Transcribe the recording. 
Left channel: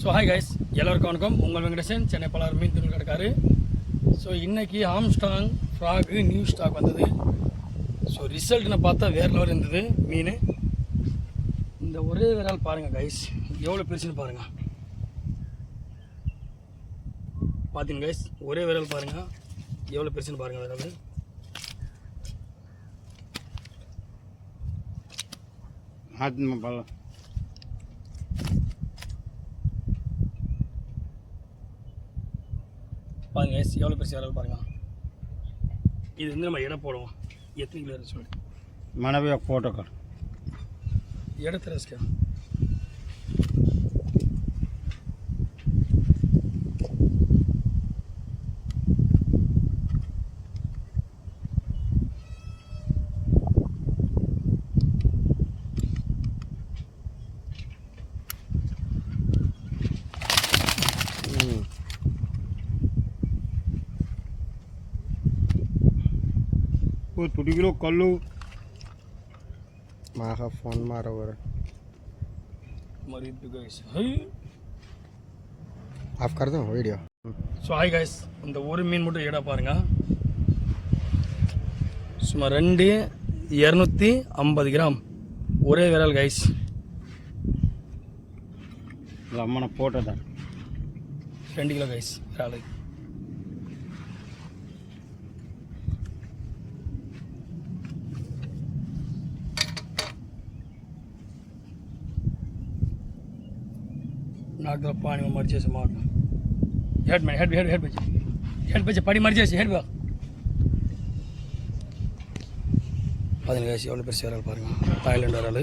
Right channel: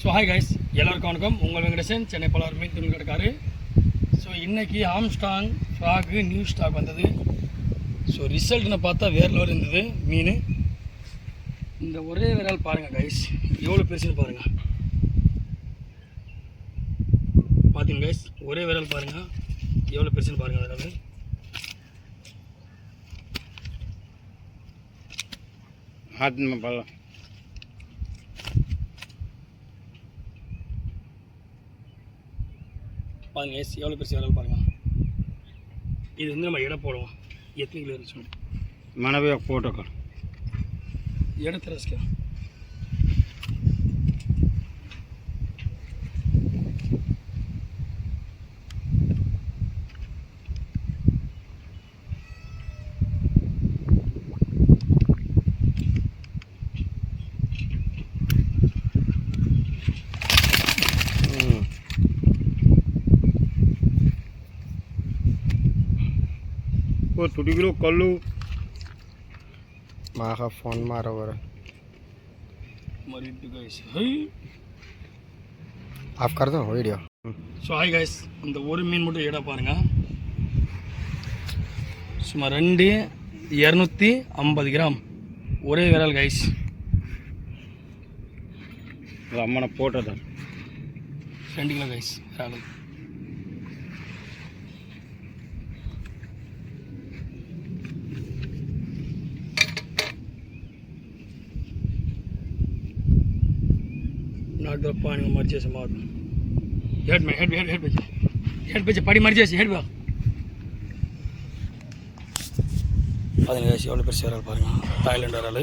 So hi guys, எல்லோருக்கும் வணக்கம். உங்கள் வெங்கடேசன், சென்னை பலார் மீன் துணி கிடக்காரு. ஸோ இன்றைக்கி ஆம்ஸ்டாங் ஃப்ராகு நியூ ஸ்டாக் வந்தது. ஸோ ரிசல்ட்னு பார்த்தா வேறு லெவல் இருந்தது மீன். இந்த ஒரே விரால் பாருங்கள் கைஸ், எவ்வளோ பெருசுன்னு பாருங்கள். பார்த்தீங்க கைஸ், ஒரே விரால் பாருங்கள் எவ்வளோ பெருசுன்னு பாருங்கள். விரால் பாருங்க கைஸ், எவ்வளோ பெருசு விரால் பாருங்கள். இது வந்து நம்ம எடை போடுவோம். எத்தனை கிலோ இருந்துச்சு మనవి ఒక ఫోటో కాదు ఎడ తెరస్కా वो 2 किलो कल्लू माखा फोन मारो वर मरी भी गाइस आप कर दो वीडियो. ஸோ ஹாய் கைஸ், இந்த ஒரு மீன் மட்டும் எடை பாருங்கள். சுமார் 250 கிராம் ஒரே விரல் கைஸ். మన ఫోటో దా 2 கிலோ கைஸ் விரால். నాలుగు పాని మర్చేసి మాట హెడ్ బెచ్చి పడి మర్చేసి హెడ్ బా. பதினஞ்சு வயசு எவ்வளோ பெருசு விரால் பாருங்கள். தாய்லாண்டு விரால்.